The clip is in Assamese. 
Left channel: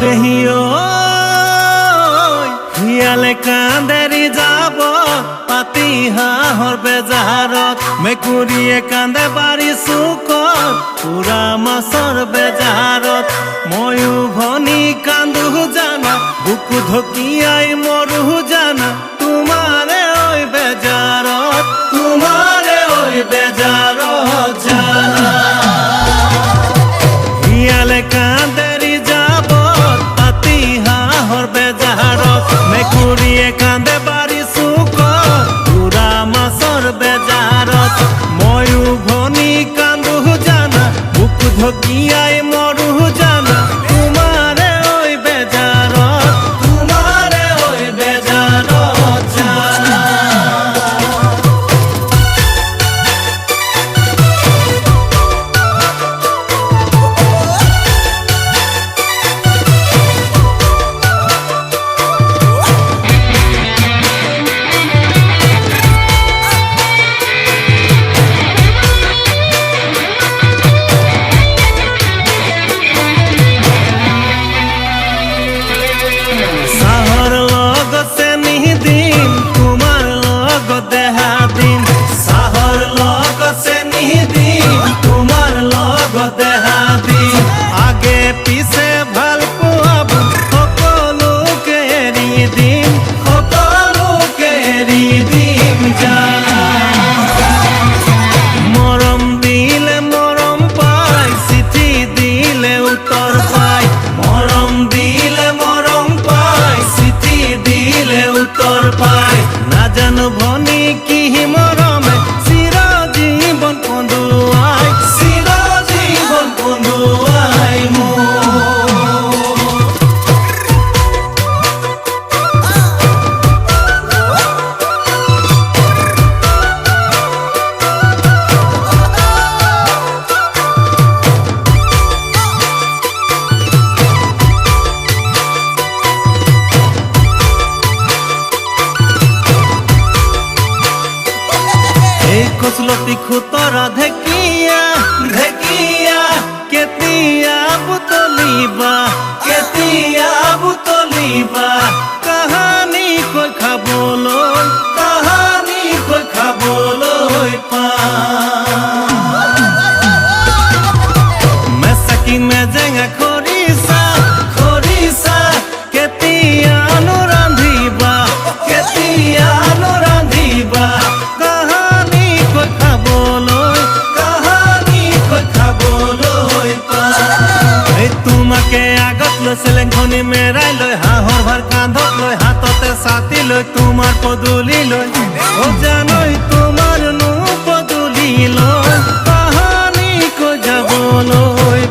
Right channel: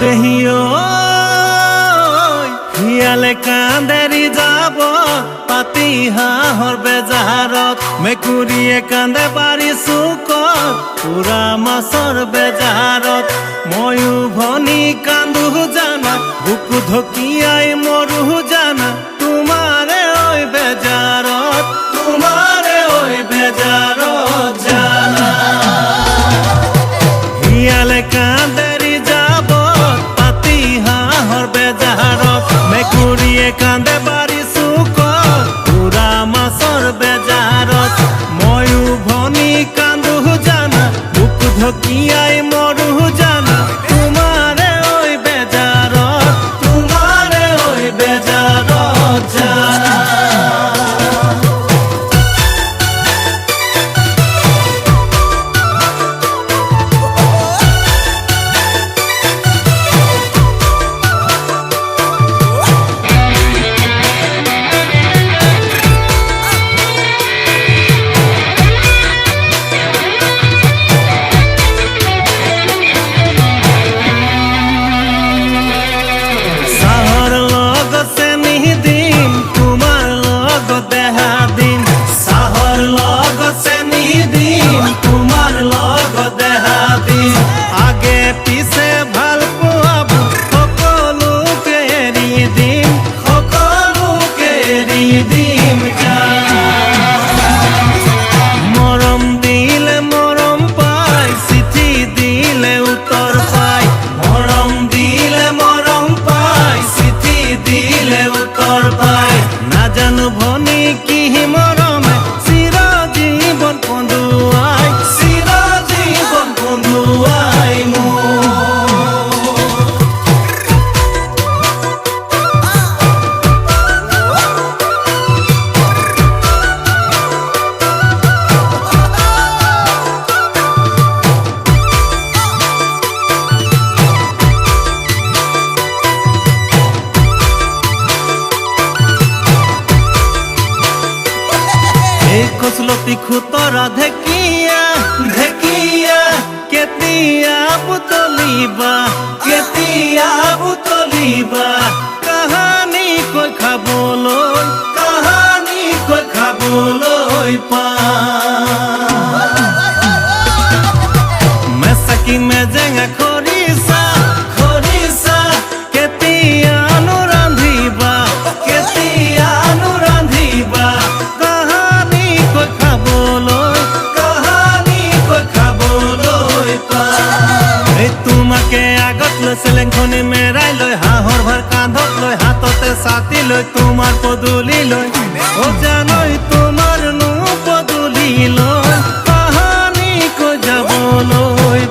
দেহিও শিয়ালে কান্দেৰি যাব পাতি হাঁহৰ বেজাৰত মেকুৰীয়ে কান্দে বাৰী চুকত পুৰা মাছৰ বেজাৰত ময়ো ভনী কান্দো জানা বুকু ঢকিয়াই মৰো জানা তোমাৰে ঐ বেজাৰত তোমাৰে ঐ বেজাৰত জানা শিয়ালে কান্দেৰি যাব পাতি হাঁহৰ বেজাৰত মেকুৰীয়ে কান্দে বাৰী চুকত পুৰা মাছৰ বেজাৰত ময়ো ভনী কান্দো জানা বুকু ঢকিয়াই মৰো জানা তোমাৰে ঐ বেজাৰত তোমাৰে ঐ বেজাৰত জানা দিন তোমাৰ লগত দেহা দিন চাহৰ লগত চেনি দিন তোমাৰ লগত দেহা দিন আগে পিছে ভাল পোৱাব সকলোকে এৰি দিম সকলোকে এৰি দিম মৰম দিলে মৰম পাই চিঠি দিলে উত্তৰ পাই মৰম দিলে মৰম পাই চিঠি দিলে উত্তৰ পাই নাজানো ভনী কি মৰমে চিৰজীৱন কন্দুৱাই চিৰজীৱন কন্দুৱাই এই কচলতি খুতৰা ঢেকীয়া ঢেকীয়া কেতিয়া বুটলিবা কেতিয়া বুটলিবা কাহানি কৈ খাবলৈ মেচাকি মেজেঙা খৰিচা খৰিচা কেতিয়ানো ৰান্ধিবা কেতিয়ানো ৰান্ধিবা তোমাকে আগত লৈ চেলেংখনি মেৰাই লৈ হাঁহৰ ভাৰ কান্ধত লৈ হাততে ছাতি লৈ তোমাৰ পদূলি লৈ অ জানৈ তোমাৰনো পদূলি লৈ কাহানি কৈ যাবলৈ